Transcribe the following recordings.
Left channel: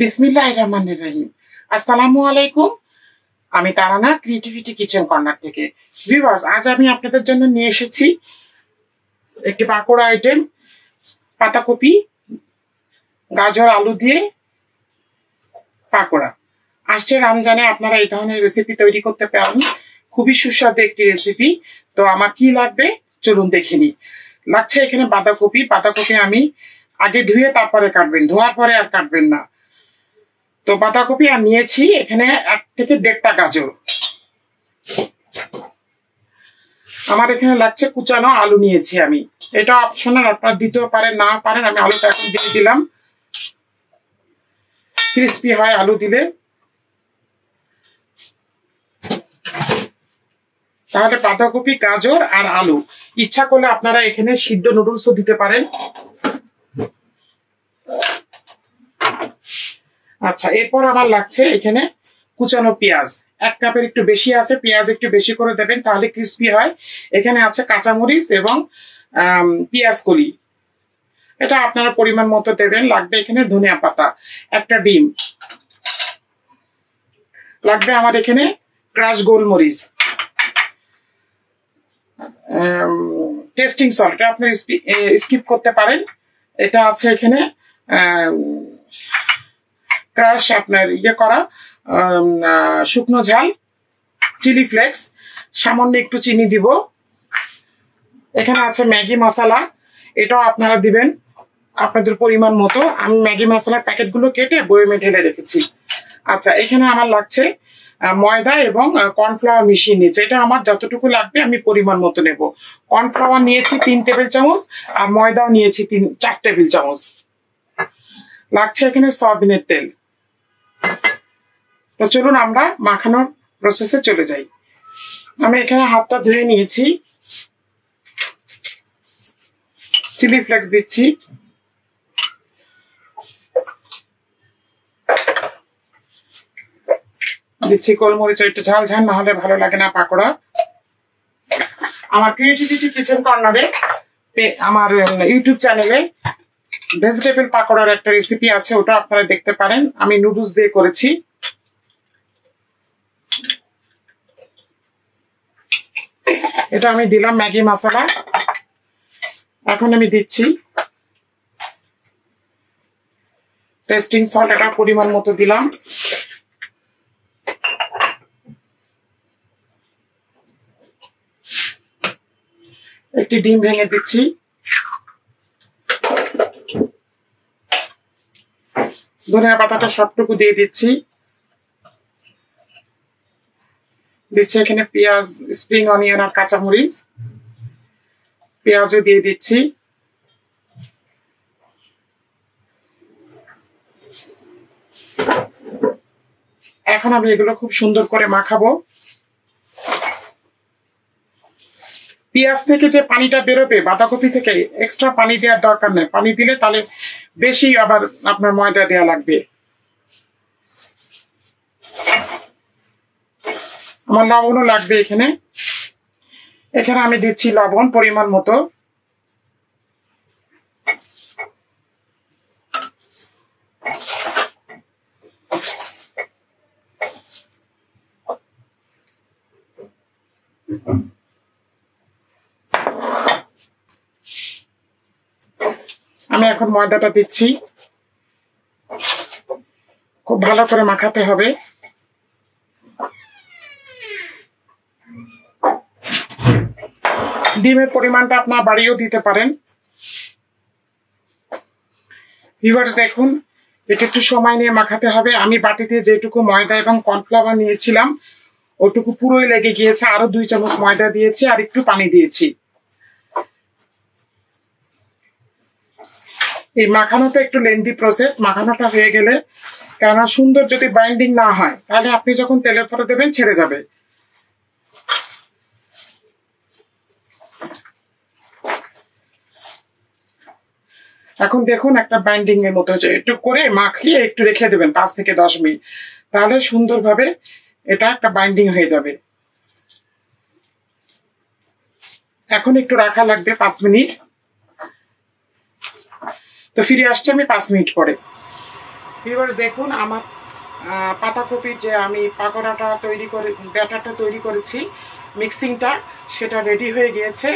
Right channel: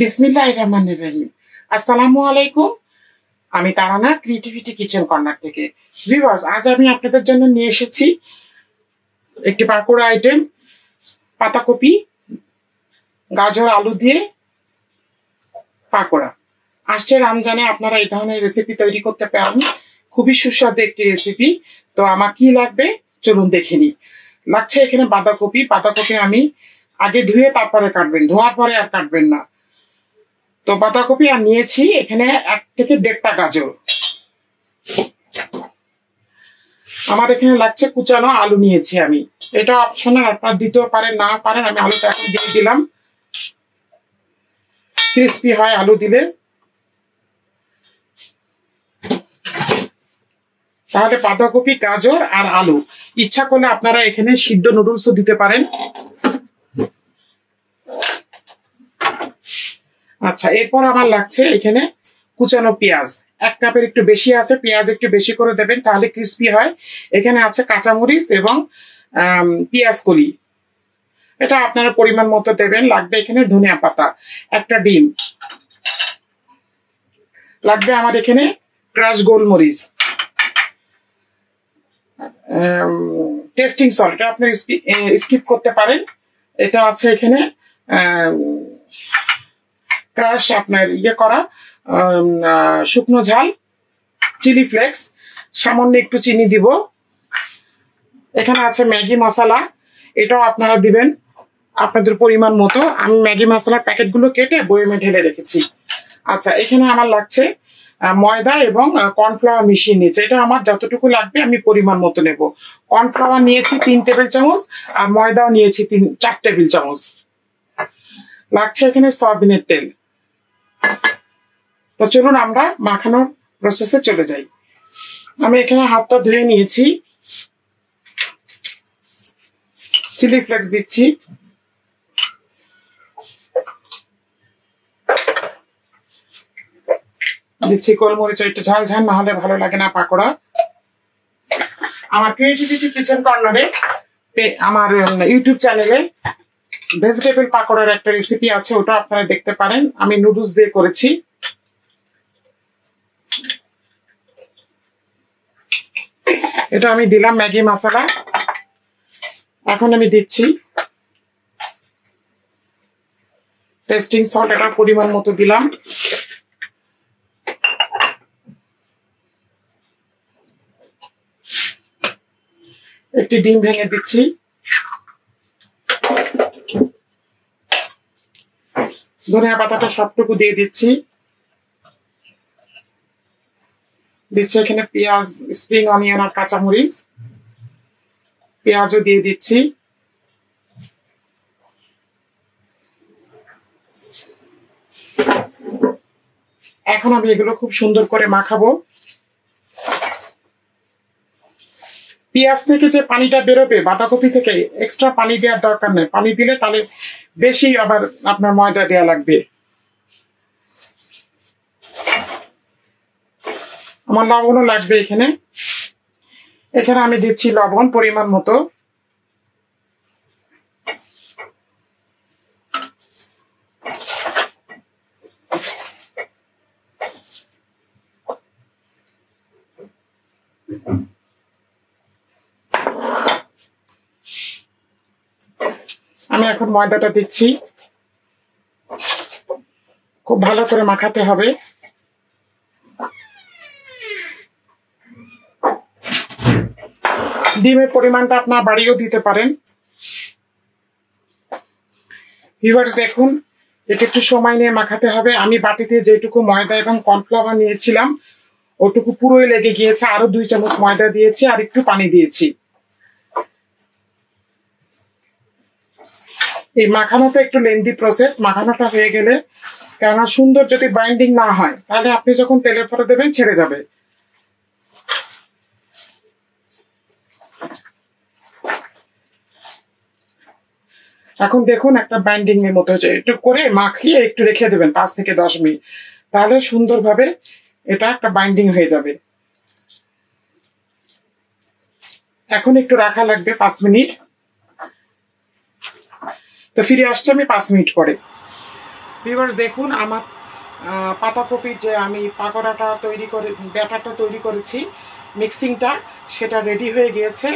বিসমিল্লাহির রহমানির রহিম। আসসালামু আলাইকুম। আমি তারানা ক্রিয়েটিভিটি কিচেন কর্নার থেকে। ভিউয়ার্স, আজ আমি আপনাদের জন্য নিয়ে এসেছি একটি পাকোড়া আইটেম, পাতাকপি, গাজর, আলু দিয়ে পাকোড়া। আসছে রমজানে আপনারা এই ধরনের রেসিপি তৈরি করতে পারেন, খুবই সুস্বাদু একটি রেসিপি। তো আমার কি লাগবে চলুন দেখে নিই। লাগছে এখানে বাঁধাকপি। বাঁধাকপি আমি আগে ধুয়ে তারপরে কাটবেন, ধোয়ার পরে আর কাটবেন না। তো বাঁধাকপি আর নিয়েছি এখানে 1 থেকে 1.5টা গাজর। আমার এখানে লাগছে কুচানো আলু নিয়েছি আমি। এটা অপশনাল, আপনারা দিতেও পারেন না পারেন। আমি আলুটা এখন দিয়ে দিলাম, ক্রিস্পি হয় আলু দিলে। তাহলে বাঁধাকপি, গাজর আর আলু। ইচ্ছা করলে আপনারা এখানে সিদ্ধ নুডলসও দিতে পারেন। আচ্ছা, এরপর আমার লাগছে এখানে কুচানো পেঁয়াজ। 1 কাপের একটু বেশি আছে, পেঁয়াজ একটু বেশি করে দেবেন তাহলে ক্রিস্পি হয়। এখানে আছে কাঁচামরিচ এবং পেঁয়াজ কলি, এটা আপনারা পরিমাণ মতো দেবেন। লাগবে এখানে ধনিয়া পাতা, 1টা ডিম লাগবে। আমার এখানে ক্রাশ গোলমরিচ, টেস্টিং সল্ট, এটা আপনারা স্কিপ করতে পারেন। এটা আছে এখানে ক্রাশ আপনার করা শুকনো ঝাল, চিলি ফ্লেক্স, সামান্য একটু চিনি দিব। এখানে আছে ম্যাগি মশলা, এটাও আপনারা দিবেন আপনাদের পরিমাণ মতো। আমি ম্যাগি মশলার প্যাকেটগুলো কেটে বয়মে ঢেলে রেখেছি। আচ্ছা, এখানে আমার লাগছে ময়দা এবং কর্নফ্লাওয়ার মিশিয়ে নিয়েছি। এটা আমার যতটুকু লাগবে আমি পরিমাণ মতো নেব। কর্নফ্লাওয়ার নিয়েছি 3 টেবিল চামচ আর ময়দাও নিয়েছি 4 টেবিল চামচ। লাগছে এখানে সয়াবিনের তেল। তো চলুন আমরা মাখানোর প্রসেসে চলে যাই। আমি এখানে হাতটা ধুয়ে নিয়েছি, চিলি ফ্লেক্স দিচ্ছি, গোলমরিচ, একটু ঝাল ঝাল না হলে ভালো লাগে না পাকোড়া। আমার ক্রিয়েটিভিটি কিচেন কর্নারে আমার ইউটিউব চ্যানেলে ভেজিটেবল পাকোড়ার একটা রেসিপি আছে, ওটা আপনারা দেখতে পারেন। আমি নুডলস দিয়ে করেছি। এটা আমি দিলাম ম্যাগি মশলা। এখন আমি দিচ্ছি টেস্টিং সল্ট, এটা পরিমাণ মতো দিলাম। একটি ডিম ভেঙে দিচ্ছি। ধনিয়া পাতাটা সবটুকু দিয়ে দিচ্ছি। এখানে পেঁয়াজ, স্প্রিং অনিয়ন আর কাঁচামরিচ, পেঁয়াজও দিয়ে দিচ্ছি। এখন আমি এগুলো খুব সুন্দর করে মাখাবো। পেঁয়াজ থেকে যে পানিটা বেরোবে বাঁধাকপি থেকে, এক্সট্রা পানি দেওয়ার দরকার নেই। পানি দিলে তাহলে বেশি আবার আপনার ময়দা দেওয়া লাগবে। আমার লবণও লাগবে এখানে। এখানে আমি দিচ্ছি লবণ পরিমাণ মতো। আমি এখন ময়দাটা দিচ্ছি, খুব ভালো করে মাখাতে হবে। ডিমের পরিমাণটা আপনারা বাড়িয়েও দিতে পারেন। ভিউয়ার্স দেখুন, এটা একটু সময় নিয়ে মাখাতে হবে। আমি বাটিতে যেটুকু ময়দা এবং কর্নফ্লাওয়ার নিয়েছিলাম ওটুকু পুরোই লেগে গিয়েছে। আরো 2 চামচ ময়দা দিয়েছি আর একটু পানি দিয়েছি। এই মাখানোটা একটু লেন্দি প্রসেস। মাখানোটা হয়ে গেলে, কেননা সুন্দর যদি বাইন্ডিং না হয় তাহলে আপনি যখন তেলের পরে দেবেন ছেড়ে যাবে। এখন দেখুন একটা বাইন্ডিং এর মতো হচ্ছে। একটু করে মাখিয়ে একটু রেখে দেবেন 5 থেকে 10 মিনিট, তাহলে সুন্দরভাবে এটা একটা বাইন্ডিং হয়ে যাবে। এখন একটু রাখা লাগবে 5 মিনিট। তো ফিরে আসছে আমি 5 মিনিট পরে। ভিউয়ার্স দেখুন আমার পাতাকপির যে আমি পাকোড়াটা ব্যাটারটা তৈরি করেছি, মিক্সিংটা সেটা রেডি হয়ে গিয়েছে।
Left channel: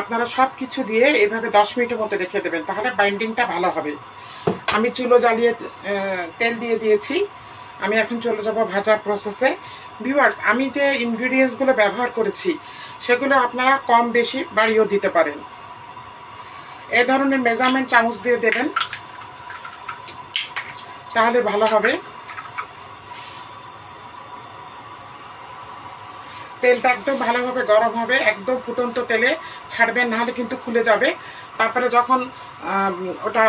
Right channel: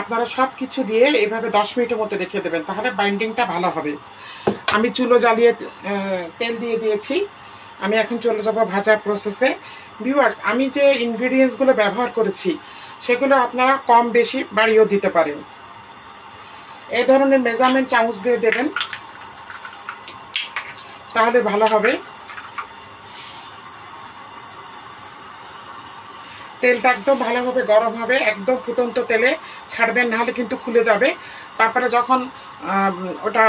আপনারা সব কিছু দিয়ে এভাবে 10 মিনিটের মতো রেখে দেবেন, তাহলে বাইন্ডিংটা ভালো হবে। আমি চুলো জ্বালিয়ে তেল দিয়ে দিয়েছি। আমি এখন চলে যাব ভাজার প্রসেসে। ভিউয়ার্স আমি যে ইনগ্রিডিয়েন্টসগুলো ব্যবহার করেছি সেগুলো আপনারা কম বেশি বাড়িয়েও দিতে পারেন। এই ধরনের মেজারমেন্ট চামচ দিয়ে দেবেন, তাহলে ভালো হবে। তেলটা একদম ভালোভাবে গরম হবে, একদম ফুটন্ত তেলে ছাড়বেন, নাহলে কিন্তু খুলে যাবে। তারপরে যখন ওটা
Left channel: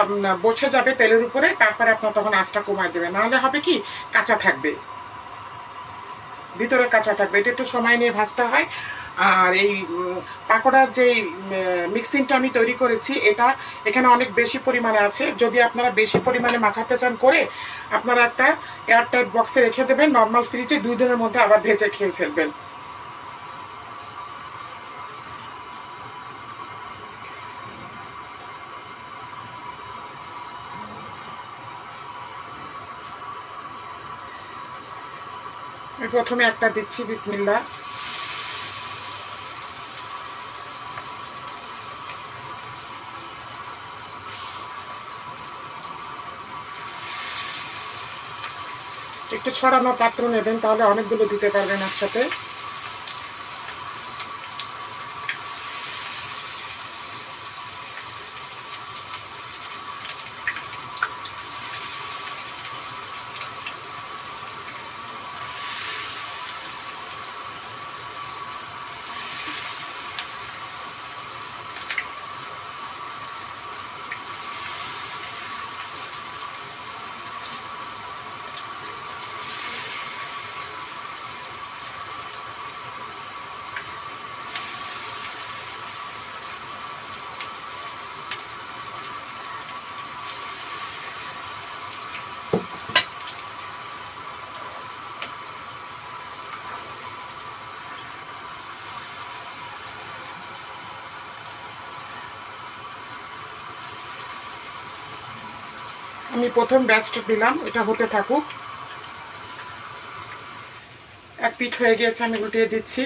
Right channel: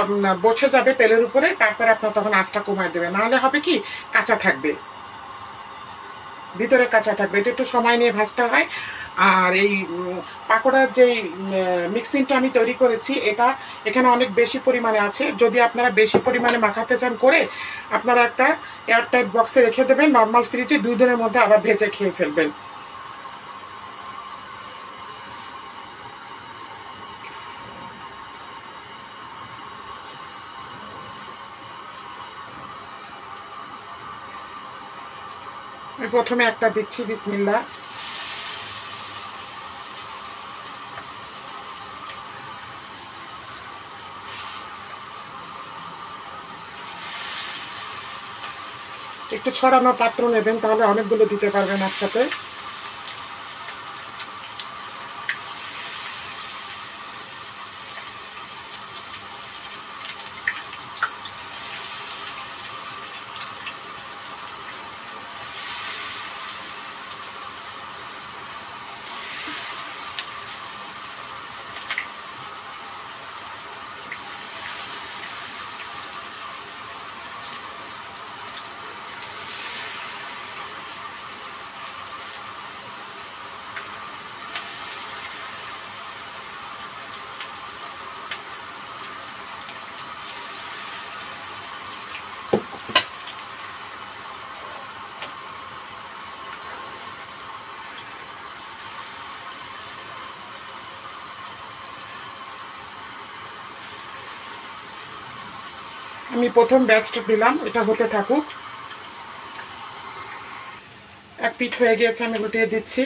বসে যাবে তেলের উপরে, তারপরে আপনার তখন আঁচটা কমায় দেবেন, নাহলে হবে কি কাঁচা থাকবে, ভিতরে কাঁচা থাকবে। এটা একটু সময় নিয়ে ভাজতে হয়। আর এই পাকোড়ার যে মিক্সিংটা আমি তৈরি করেছি, এটা এখানে অনেক বেশি পরিমাণে আছে। যদি আপনারা বেশি পরিমাণে মাখাতে চান করে, আপনারা একটা এয়ারটাইট বক্সে রেখে দেবেন, নর্মাল ফ্রিজে 2 দিনের মধ্যে আবার ভেজে খেয়ে ফেলবেন। আমি প্রথমে একটা দিচ্ছি, বিসমিল্লাহ। একটু ছড়ানো পাত্র নেবেন, তাহলে অনেকগুলো দিতে পারবেন একসাথে। আমি প্রথম ব্যাচটা দিলাম, এটা হতে থাকুক। এক পিঠ হয়ে গিয়েছে, আমি উল্টিয়ে দিচ্ছি।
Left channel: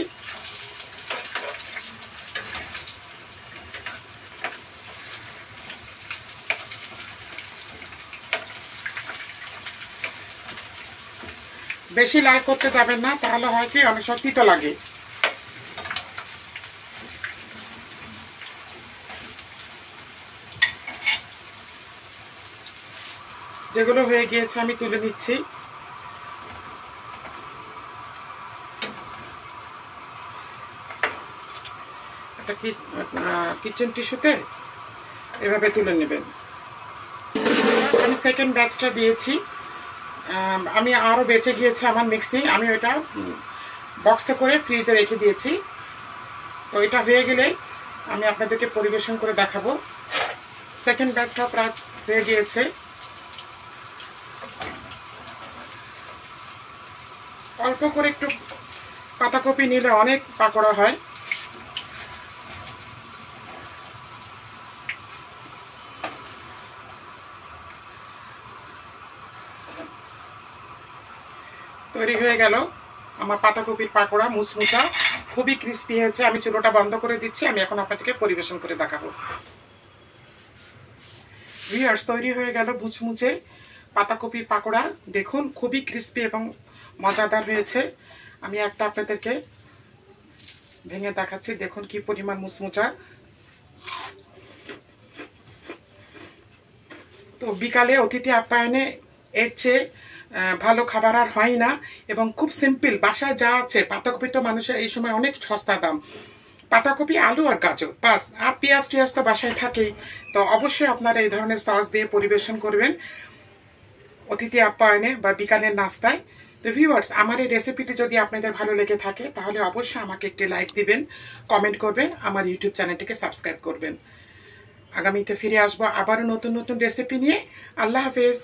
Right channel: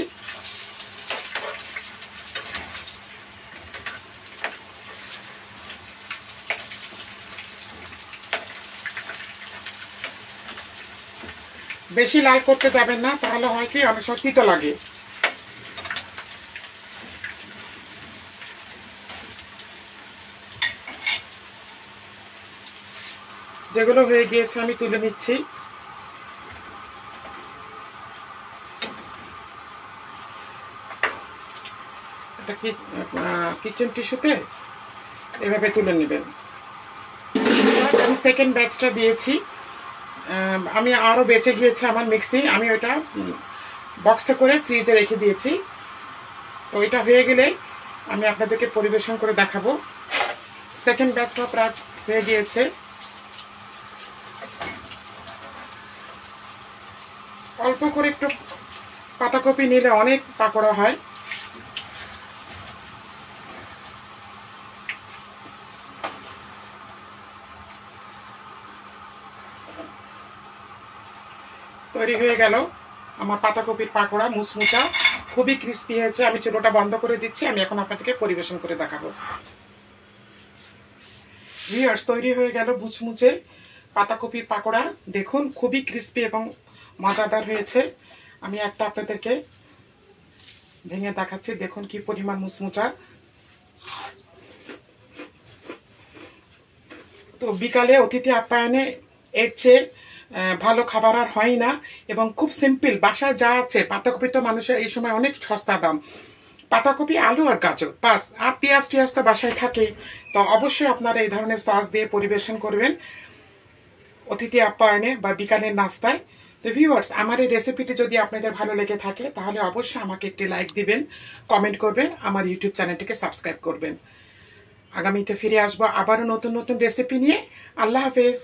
বেশি লাল করতে যাবেন না, তাহলে হয় কি অনেক সময় তিতো লাগে। যেগুলো হয়ে গিয়েছে আমি তুলে নিচ্ছি। এটা কিচেন টিস্যুতে এভাবে তুলে নেবেন। আমি সেকেন্ড ব্যাচটা দিয়েছি। আমি আরও বেঁচে গিয়েছে আমার মিক্সিং, আমি ওটা বক্সে করে ফ্রিজে রেখে দিয়েছি। তো এটা হয়ে গেলে আমি আপনাদেরকে পরিবেশন করে দেখাবো। সেকেন্ড ব্যাচটা প্রায় হয়ে গিয়েছে। অল্প করে একটু পাতাকপি নিলে অনেক পাকোড়া হয়। তৈরি হয়ে গেল আমার পাতাকপির পাকোড়া, মুচমুচা, খুবই ক্রিস্পি হয়েছে। আমি চুলোটা বন্ধ করে দিচ্ছি, আমি এখন আপনাদেরকে পরিবেশন করে দেখাবো। ভিউয়ার্স তৈরি হয়ে গেল মুচমুচে পাতাকপির পাকোড়া। দেখুন খুবই ক্রিস্পি এবং মজাদার হয়েছে। আমি একটা আপনাদেরকে ভেঙে দেখাচ্ছি, দেখুন কি পরিমাণ মুচমুচা। তো বিকালে অতিথি আপ্যায়নে এর চেয়ে ভালো খাবার আর হয় না, এবং খুব সিম্পল। বাসায় যা আছে, পাতাকপি তো মানুষের এই সময় অনেক সস্তা দাম, পাতাকপি, আলু আর গাজর, বাস। আর পেঁয়াজ টিয়াজ তো বাসায় থাকেই। তো অবশ্যই আপনারা এই ধরনের সস দিয়ে পরিবেশন করবেন অতিথি আপ্যায়নে বা বিকালের নাস্তায়। তো ভিউয়ার্স আমার এই রেসিপিটি যদি আপনাদের ভালো লেগে থাকে, তাহলে অবশ্যই আমাকে একটি লাইক দিবেন, কমেন্ট করবেন, আমার ইউটিউব চ্যানেলটিকে সাবস্ক্রাইব করবেন। আগামীতে ফিরে আসবো আবারও নতুন নতুন রেসিপি নিয়ে। আল্লাহ হাফেজ।